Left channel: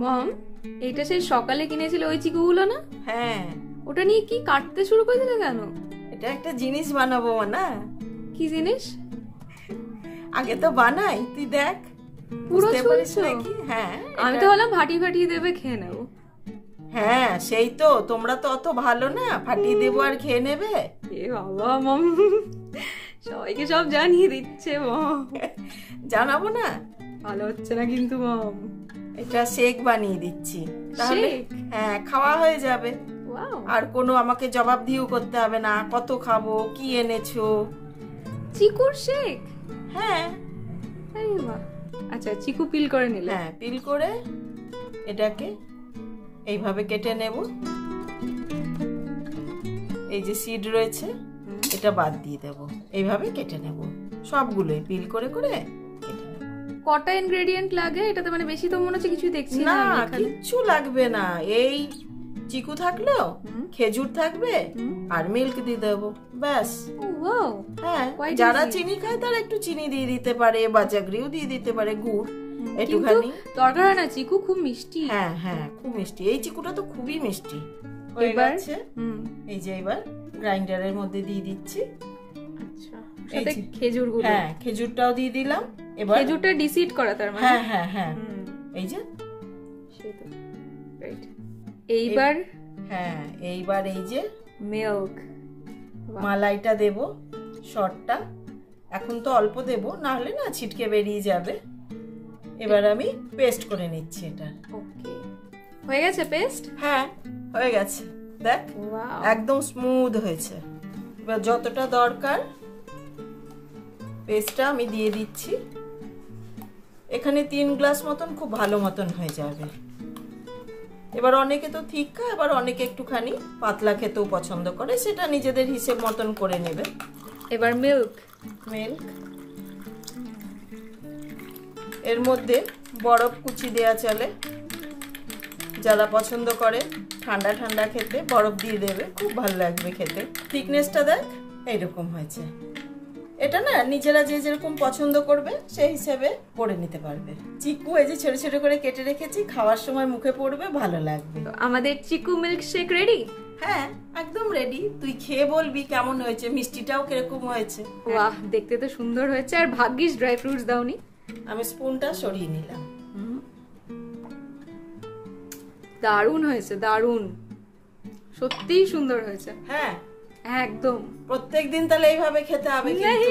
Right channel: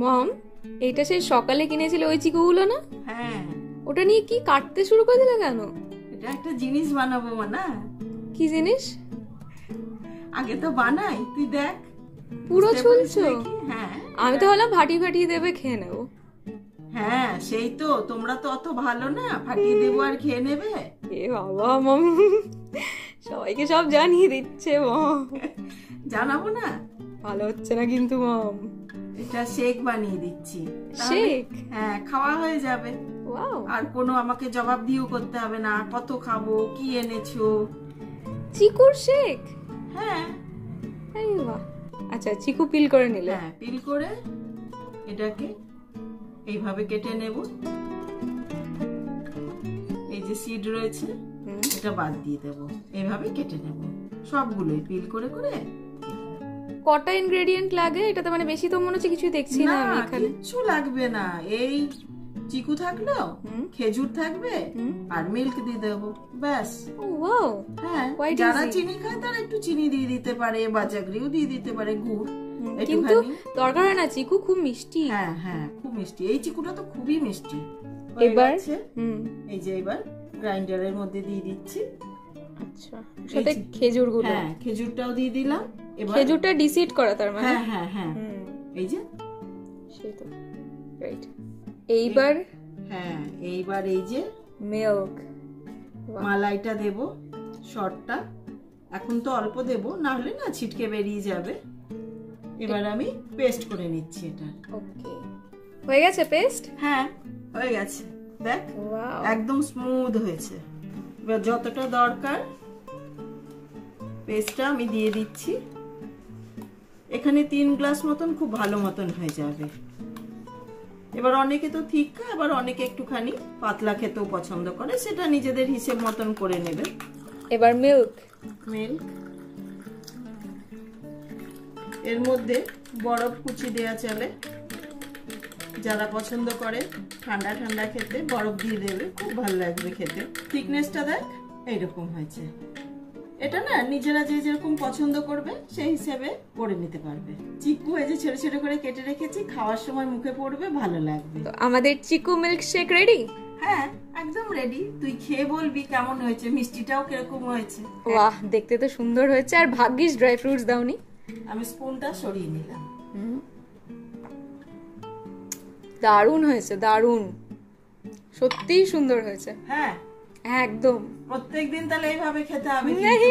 মম, এইটা সেই সকালে কিনেছিল ওই চিকুগুলো না? হ্যাঁ। ওটা নিয়ে কি কাটতে শুরু করে দিলে কেন? এটা একটা জিনিস বানাবো না। কি জিনিস? আগে তো বানাই, তুই দেখ। পুরো ছুলছো? হ্যাঁ। আমি তো ভাবলাম ফাটিয়ে দেবে, খেয়ে নেবো। হ্যাঁ সেই তো, তোমরা তো অত ভালো না, ফাটিয়ে দেবো আর খেয়ে নেবে। এ বাবা মম, সবাইকে সব জানিয়ে দিচ্ছে মম। জানাবো না? ভালো হচ্ছে না কিন্তু মম। এটা শেক বানিয়ে দিচ্ছি। শেক? হ্যাঁ, খাওয়া হয়ে যাবে। ওয়াও। আর কোনো আমাকে জবাবদিহিও করতে হবে না, কত খাবো, কি এনেছো। চিকুর শেক? হ্যাঁ। আরে বাহ। আচ্ছা, চিকু পিল করে নিলে? হ্যাঁ, পিল করে এটাকে এইভাবে কেটে নেব। এই যে সিড রয়েছে এটা বাদ দিয়ে দেব, এইভাবে কেটে নেব সবগুলোই পিল করে করে কেটে নেব। কটা ইনগ্রেডিয়েন্ট লাগে এটাতে? মানে বেশি তো মনে হচ্ছে কিছু দেখছি না আমি এখানে। কিছু লাগবে না, এই চিকু থাকলো, খেজুর থাকবে আর মিল্ক দিয়ে দেবো, ব্যাস। ও ওয়াও। হ্যাঁ, যারা চিনি খায় তারা একটু চিনি দিয়ে দিতে পারে, বা জাগরিও দিয়ে দিতে পারে, গুড়। কিন্তু দরকার হয় না, চিকু খুব মিষ্টি। হ্যাঁ হ্যাঁ, খুব মিষ্টি, এই চিকুটা তো খুবই মিষ্টি। এবার এই যে এবার গ্রাইন্ডারের মধ্যে দিয়ে দিচ্ছি। আচ্ছা, সাথে খেজুরগুলো? হ্যাঁ, খেজুরটাও দিয়ে দিলাম। এবার খেজুরটা ডিসিড করা তার মানে? হ্যাঁ হ্যাঁ হ্যাঁ, এই যে সেই তো, রাইট। এইবার হ্যাঁ, এইবার এই যে মিল্ক, মালাইটা দেব, শর্টটা। এখন তো অল্প দেব, না হলে না ছিটকে বেরিয়ে যাবে। এবার আমি পেস্ট করে নিচ্ছি এটা। ওকে, হয়ে গেছে পেস্ট? হ্যাঁ, হয়ে গেছে, দেখ একদম স্মুথ হয়েছে। এবার যতটা দরকার পেস্টটা আমি দিয়ে দিচ্ছি। এখানে 3 গ্লাস মতন খুব ভালো মতন হয়ে যাবে। এবার অনেকে তো ঠিক খায়, আবার অনেকে একটুখানি পাতলা খেতেও পছন্দ করে, সেটা নিজেদের হিসেব মতন করে নেবে। এবার মিল্ক এর মধ্যে বরফ কুচি দেয়া চলে, যারা পছন্দ করে ঠান্ডা ঠান্ডা খেতে বরফ দিয়ে দেবে, খুব ভালো লাগবে খেতে। থিকনেসটা দেখ এইরকম হয়েছে। এটা না নিজেরা যে যেরকম পছন্দ করবে সেই হিসেবে করে নিতে পারবে। চিকু এই যে ছোট ছোট করে কেটে রেখেছি, খাওয়ার সময় মুখে পড়বে, ভালো লাগবে। তো আমাদের চিকু মিল্ক শেক রেডি? হ্যাঁ, একদম রেডি। তুই খেয়ে বলবি কেমন হয়েছে, মিষ্টিটাও কিরকম হয়েছে। বাহ, দেখতে তো সুন্দর হয়েছে। আর ভাগ্যিস ড্রাই ফ্রুটস দাওনি। আমি স্পুনটা সরিয়ে নিলাম। দারুণ হয়েছে, দারুণ, সত্যিই সুন্দর হয়েছে। হ্যাঁ একদম। প্রত্যেকদিন তাহলে এইভাবে খেতে হবে কিন্তু।